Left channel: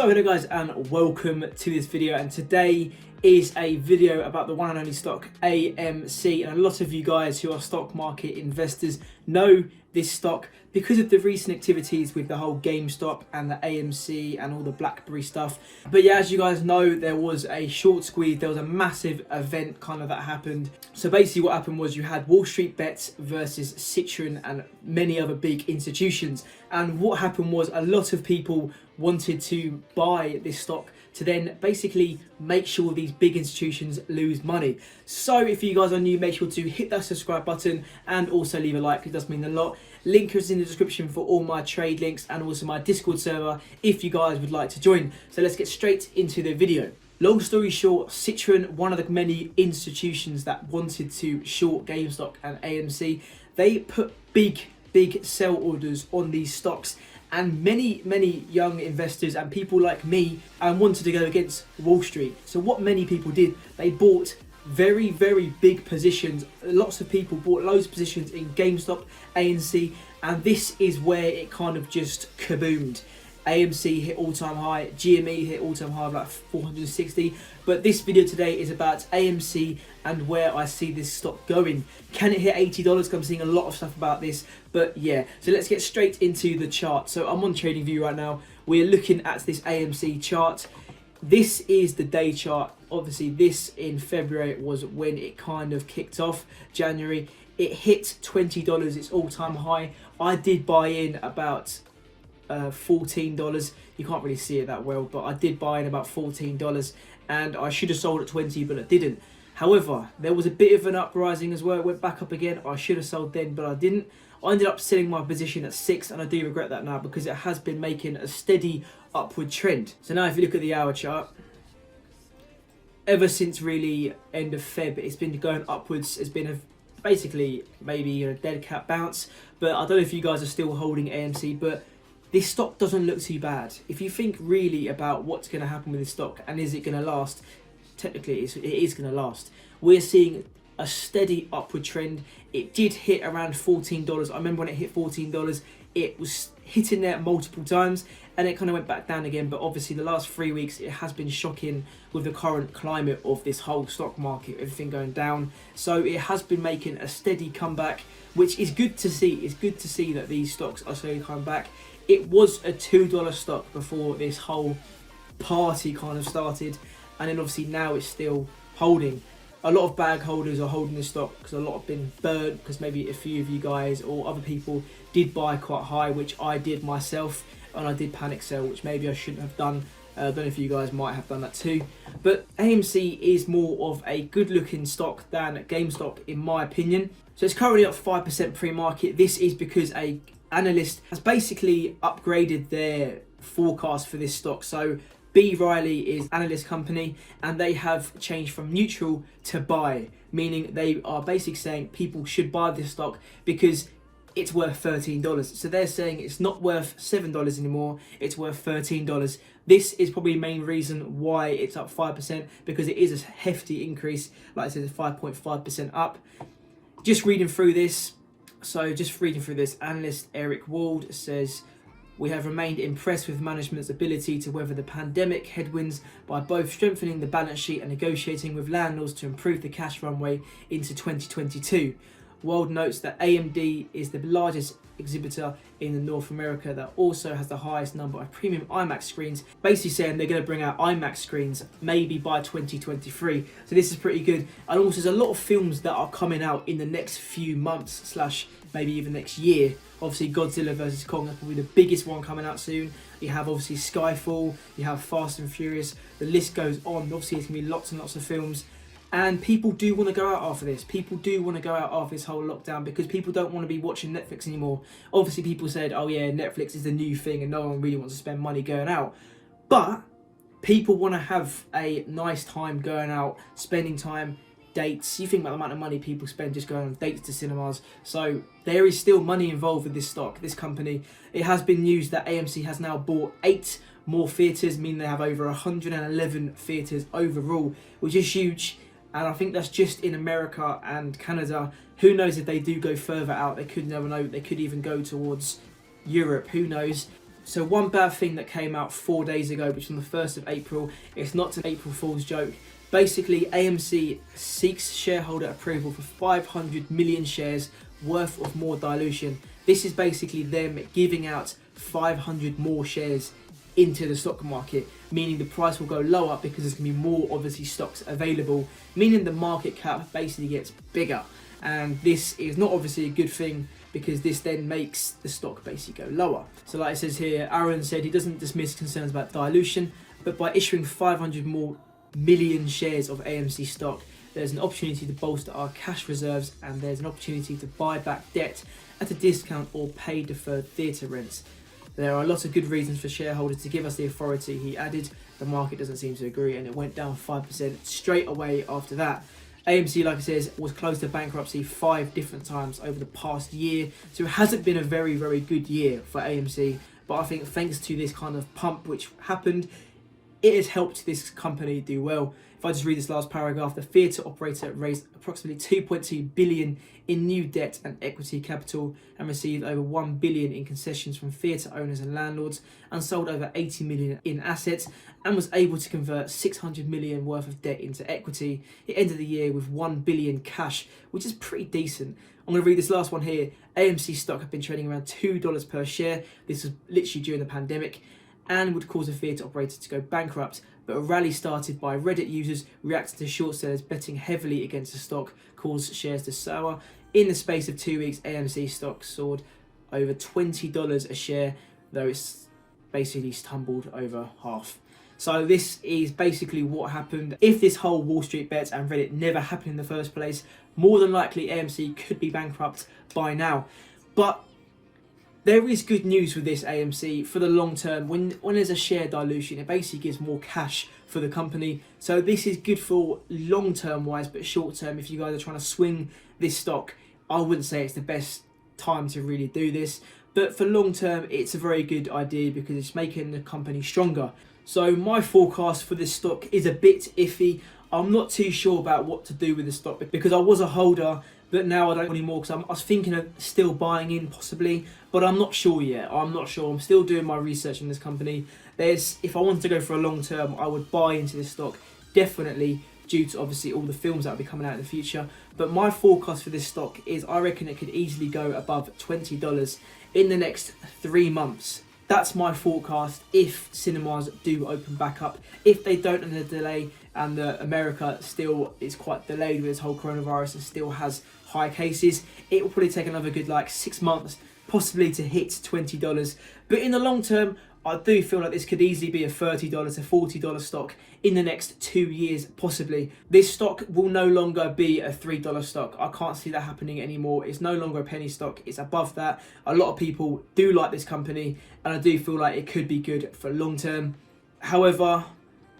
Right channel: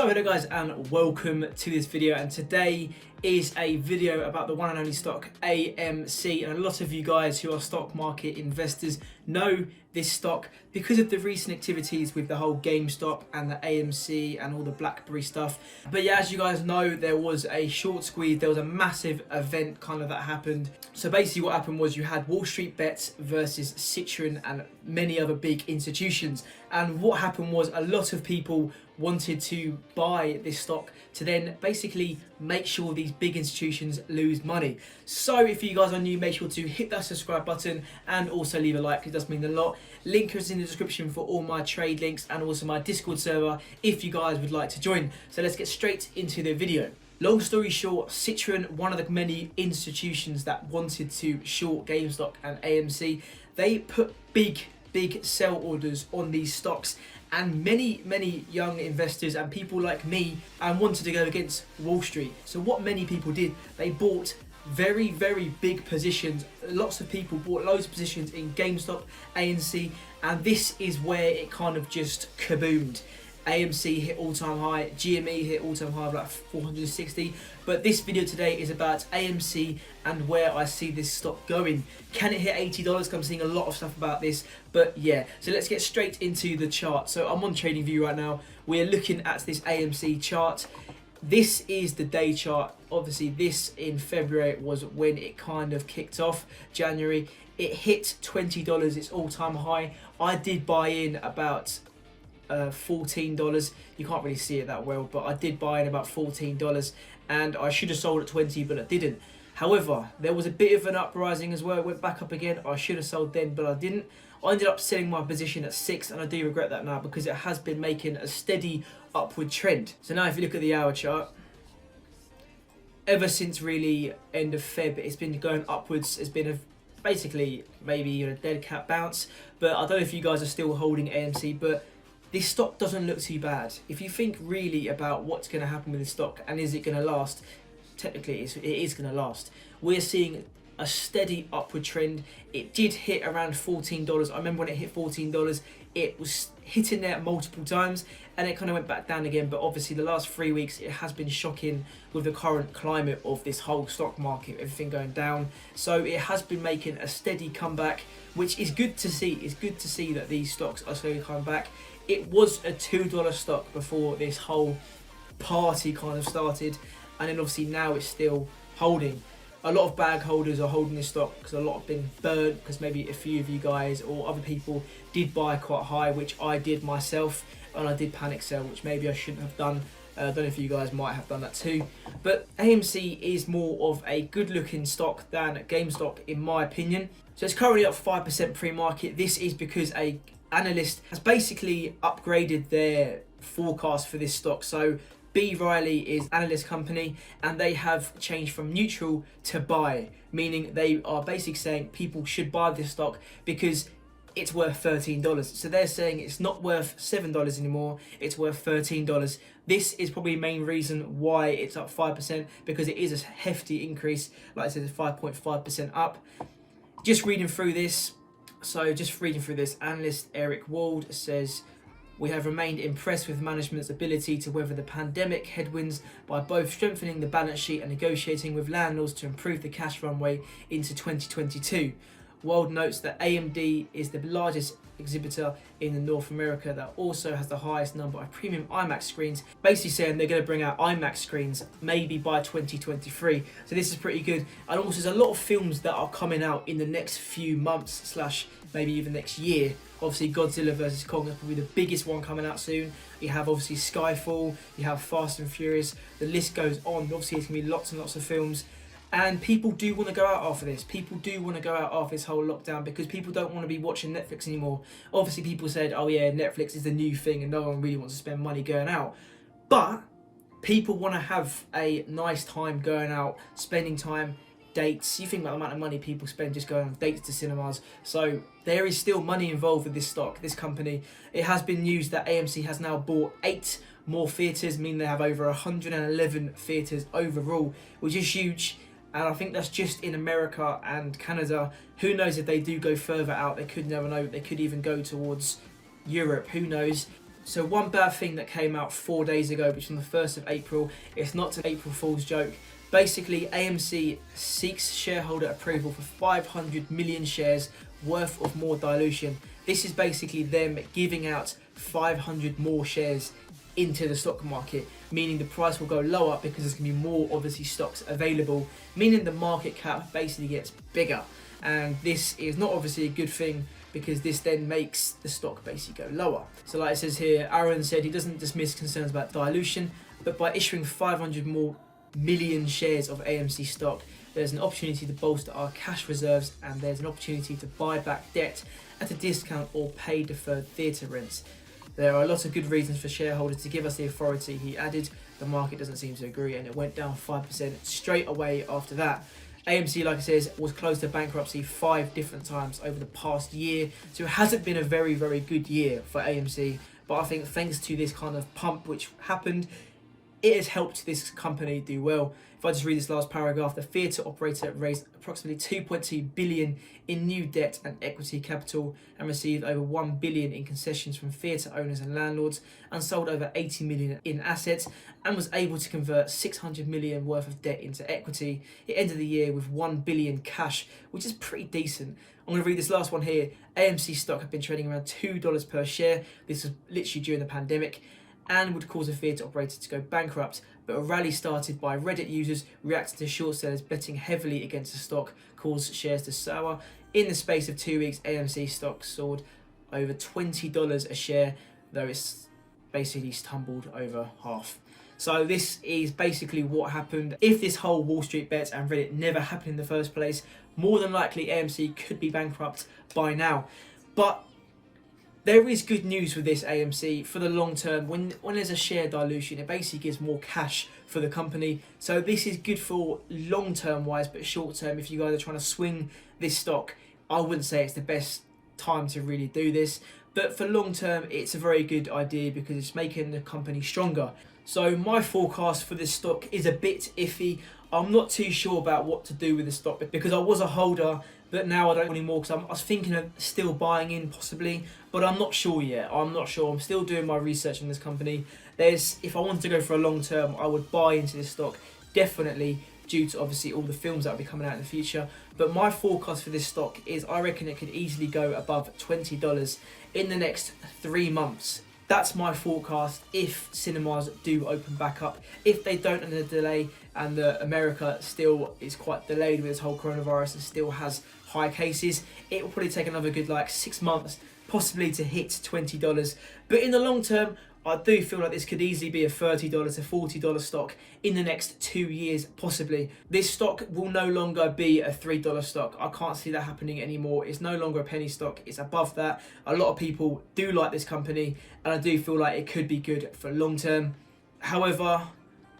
So hello guys and welcome to this video, and today is a video about the one and only stock AMC, and a lot of you guys who are stock market investors know this stock because of the recent activities with the whole GameStop and the AMC and all the BlackBerry stuff. But yeah, as you guys know, there was a short squeeze, there was a massive event kind of that happened. So basically what happened was you had Wall Street Bets versus Citron and many other big institutions, and what happened was a lot of people wanted to buy this stock to then basically make sure these big institutions lose money. So if you guys are new, make sure to hit that subscribe button and also leave a like, it does mean a lot. Link is in the description for all my trade links and also my Discord server if you guys would like to join. So let's get straight into the video. Long story short, Citron, one of the many institutions that wanted to short GameStop and AMC, they put big sell orders on these stocks. And many young investors and people like me wanted to go against Wall Street. So what many people did, they bought very big positions. Lots of people bought loads of positions in GameStop, AMC, and this is where it kind of just kaboomed. AMC hit all-time high, GME hit all-time high of like 460. But this video today is about AMC and where I see this stock going. Can it hit $80? Because I'm seeing a lot of stuff about this. But yeah, so let's get straight into the chart. So I'm on TradingView right now. We're looking at this AMC chart. This is the day chart. Obviously, this in February was when it kind of kicked off. January, it hit $20, its all-time high. I did buy in about $14. You can't really see it that well, but I did buy in about $14, and I should have sold at 20, but I didn't. However, there was a bit of an uprising as well. It went back up again. I should have sold then, but I didn't. I ended up selling my position at 6, and I do regret that now because it has been making a steady upward trend. So now if you look at the hour chart, ever since really end of Feb, it's been going upwards. It's been basically maybe a dead cat bounce, but I don't know if you guys are still holding AMC, but this stock doesn't look too bad. If you think really about what's going to happen with this stock and is it going to last, technically it is going to last. We're seeing a steady upward trend. It did hit around $14. I remember when it hit $14, it was hitting there multiple times and it kind of went back down again. But obviously the last 3 weeks, it has been shocking with the current climate of this whole stock market, everything going down. So it has been making a steady comeback, which is good to see. It's good to see that these stocks are slowly coming back. It was a $2 stock before this whole party kind of started, and then obviously now it's still holding. A lot of bag holders are holding this stock because a lot have been burnt, because maybe a few of you guys or other people did buy quite high, which I did myself, and I did panic sell, which maybe I shouldn't have done. I don't know if you guys might have done that too. But AMC is more of a good looking stock than GameStop in my opinion. So it's currently up 5% pre-market. This is because a analyst has basically upgraded their forecast for this stock. So B. Riley is analyst company, and they have changed from neutral to buy, meaning they are basically saying people should buy this stock because it's worth $13. So they're saying it's not worth $7 anymore, it's worth $13. This is probably the main reason why it's up 5%, because it is a hefty increase. Like I said, it's 5.5% up. Just reading through this, analyst Eric Wald says, "We have remained impressed with management's ability to weather the pandemic headwinds by both strengthening the balance sheet and negotiating with landlords to improve the cash runway into 2022. Wald notes that AMD is the largest exhibitor in the North America that also has the highest number of premium IMAX screens, basically saying they're going to bring out IMAX screens maybe by 2023. So this is pretty good. And also there's a lot of films that are coming out in the next few months / maybe even next year. Obviously Godzilla vs Kong, that's probably the biggest one coming out soon. You have obviously Skyfall, you have Fast and Furious, the list goes on. Obviously there's going to be lots and lots of films. And people do want to go out after this. People do want to go out after this whole lockdown because people don't want to be watching Netflix anymore. Obviously, people said, oh yeah, Netflix is the new thing and no one really wants to spend money going out. But people want to have a nice time going out, spending time, dates. You think about the amount of money people spend just going on dates to cinemas. So there is still money involved with this stock, this company. It has been news that AMC has now bought 8 more theatres, meaning they have over 111 theatres overall, which is huge. And I think that's just in America and Canada. Who knows if they do go further out? They could never know. They could even go towards Europe. Who knows? So one bad thing that came out 4 days ago, which was on the 1st of April, it's not an April Fool's joke. Basically, AMC seeks shareholder approval for 500 million shares worth of more dilution. This is basically them giving out 500 more shares into the stock market, meaning the price will go lower because there's going to be more, obviously, stocks available, meaning the market cap basically gets bigger. And this is not obviously a good thing, because this then makes the stock basically go lower. So like it says here, Aaron said he doesn't dismiss concerns about dilution, but by issuing 500 more million shares of AMC stock, there's an opportunity to bolster our cash reserves, and there's an opportunity to buy back debt at a discount or pay deferred theatre rents. There are lots of good reasons for shareholders to give us the authority, he added. The market doesn't seem to agree, and it went down 5% straight away after that. AMC, like I said, was close to bankruptcy 5 different times over the past year, so it hasn't been a very, very good year for AMC. But I think thanks to this kind of pump which happened, it has helped this company do well. If I just read this last paragraph, the theatre operator raised approximately 2.2 billion in new debt and equity capital, and received over 1 billion in concessions from theatre owners and landlords, and sold over 80 million in assets, and was able to convert 600 million worth of debt into equity. It ended the year with 1 billion cash, which is pretty decent. I'm going to read this last one here. AMC stock have been trading around $2 per share. This was literally during the pandemic, and would cause a theatre operator to go bankrupt. But a rally started by Reddit users reacting to short sellers betting heavily against the stock caused shares to soar. In the space of 2 weeks, AMC stock soared over $20 a share, though it's basically tumbled over half. So this is basically what happened. If this whole Wall Street bets and Reddit never happened in the first place, more than likely AMC could be bankrupt by now. But there is good news with this AMC for the long term. When there's a share dilution, it basically gives more cash for the company. So this is good for long term wise, but short term, if you guys are trying to swing this stock, I wouldn't say it's the best time to really do this. But for long term, it's a very good idea because it's making the company stronger. So my forecast for this stock is a bit iffy. I'm not too sure about what to do with the stock because I was a holder, but now I don't anymore because I was thinking of still buying in possibly, but I'm not sure yet. I'm not sure. I'm still doing my research in this company. If I wanted to go for a long term, I would buy into this stock, definitely, due to obviously all the films that will be coming out in the future. But my forecast for this stock is I reckon it could easily go above $20 in the next 3 months. That's my forecast if cinemas do open back up. If they don't in a delay, and America still is quite delayed with this whole coronavirus and still has high cases, it will probably take another good 6 months possibly to hit $20. But in the long term, I do feel like this could easily be a $30 to $40 stock in the next 2 years, possibly. This stock will no longer be a $3 stock. I can't see that happening anymore. It's no longer a penny stock. It's above that. A lot of people do like this company, and I do feel like it could be good for long term. However,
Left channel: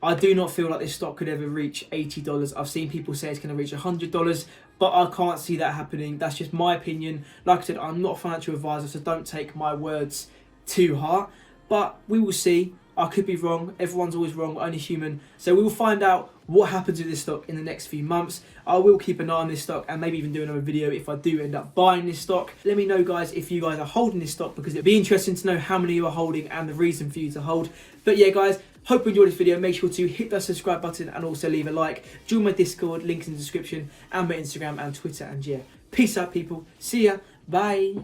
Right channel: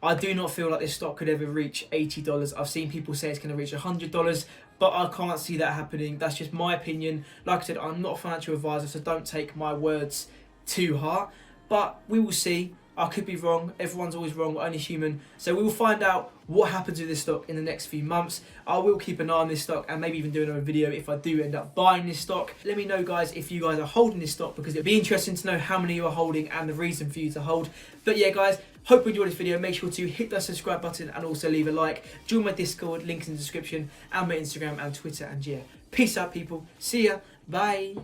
I do not feel like this stock could ever reach $80. I've seen people say it's going to reach $100, but I can't see that happening. That's just my opinion. Like I said, I'm not a financial advisor, so don't take my words to heart. But we will see. I could be wrong. Everyone's always wrong. We're only human. So we will find out what happens with this stock in the next few months. I will keep an eye on this stock and maybe even do another video if I do end up buying this stock. Let me know, guys, if you guys are holding this stock, because it'd be interesting to know how many you are holding and the reason for you to hold. But yeah, guys, hope you enjoyed this video. Make sure to hit that subscribe button and also leave a like. Join my Discord, links in the description, and my Instagram and Twitter. And yeah, peace out, people. See ya. Bye.